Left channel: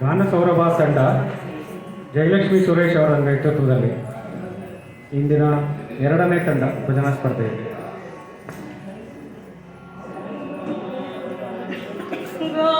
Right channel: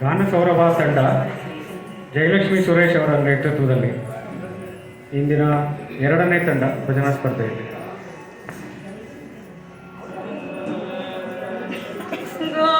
ನಾನು ಸೌರಭ ತಂಡ ಜಯಲಕ್ಷ್ಮಿ ಸುರೇಶ್ ಅವರ ನೇತೃತ್ವದಲ್ಲಿ ಇಂದಿನ ಎರಡನೇ ತಂಡ ಭಜನಾ ಸ್ಪರ್ಧೆಯಲ್ಲಿ No.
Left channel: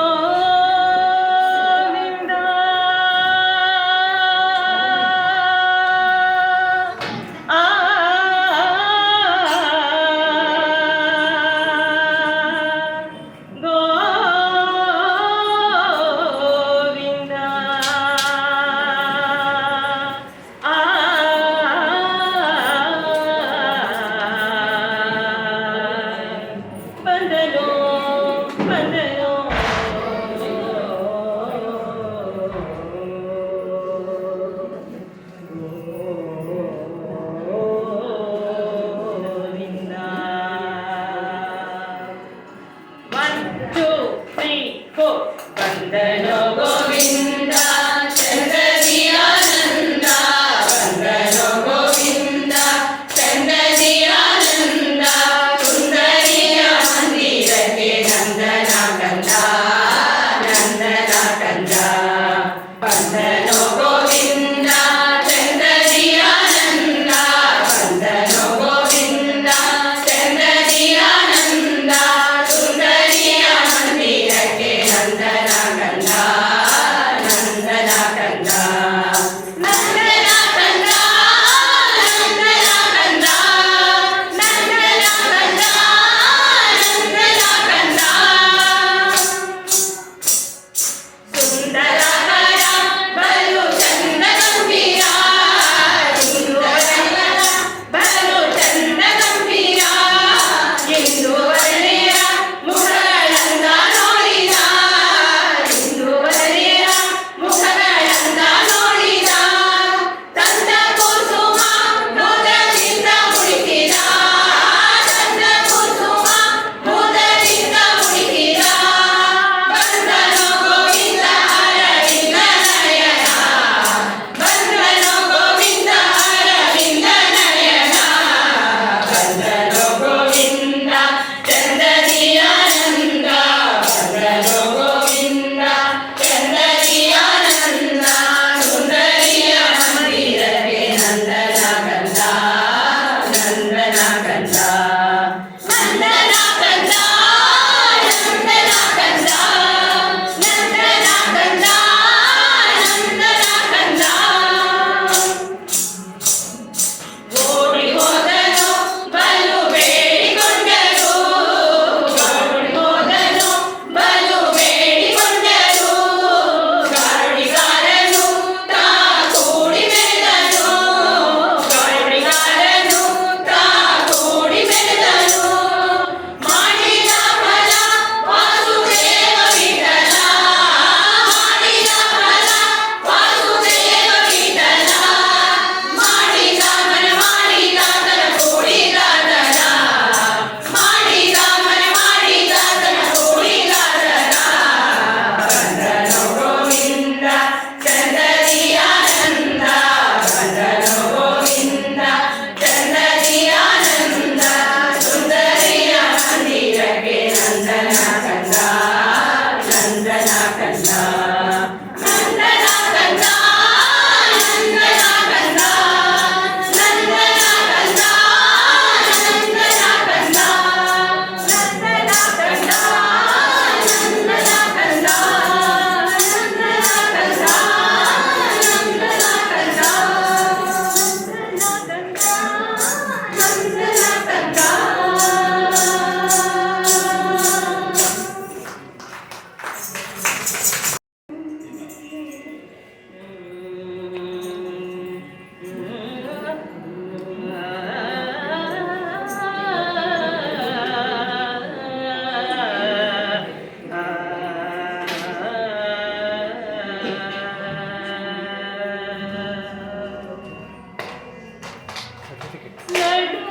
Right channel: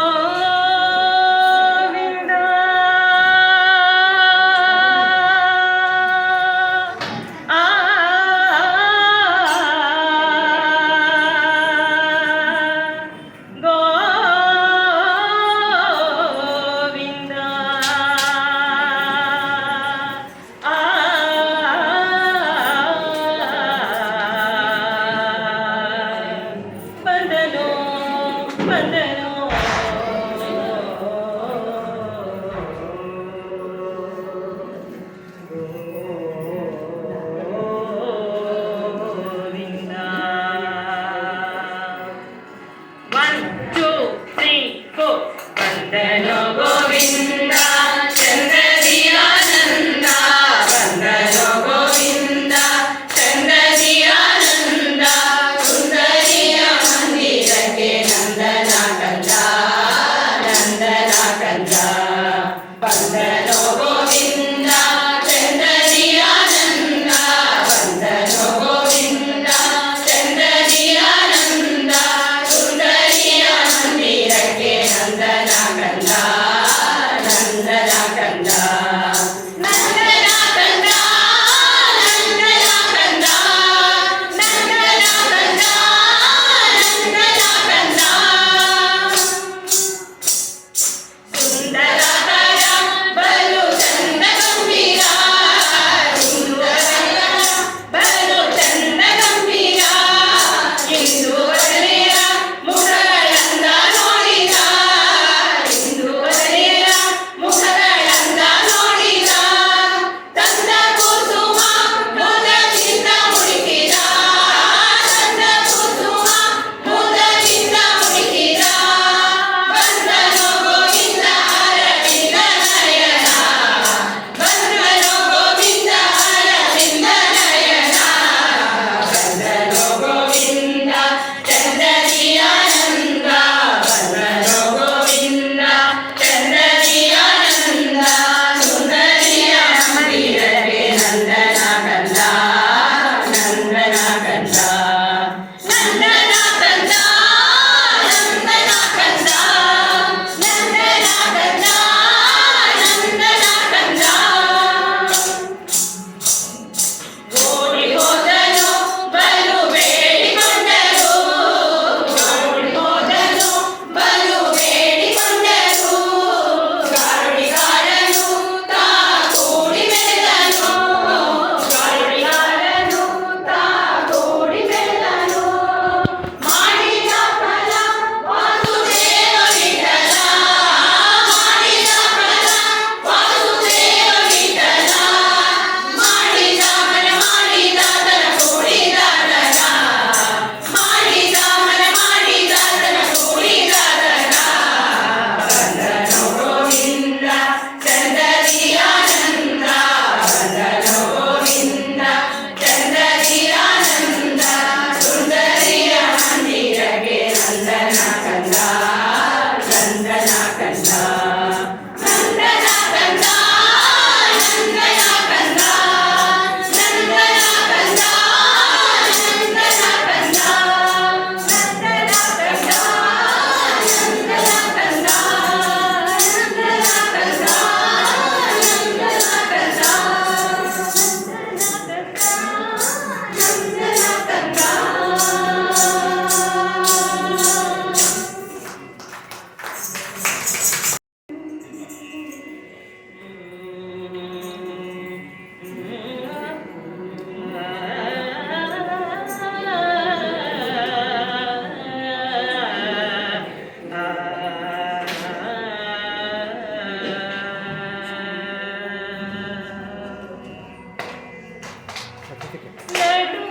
certificate.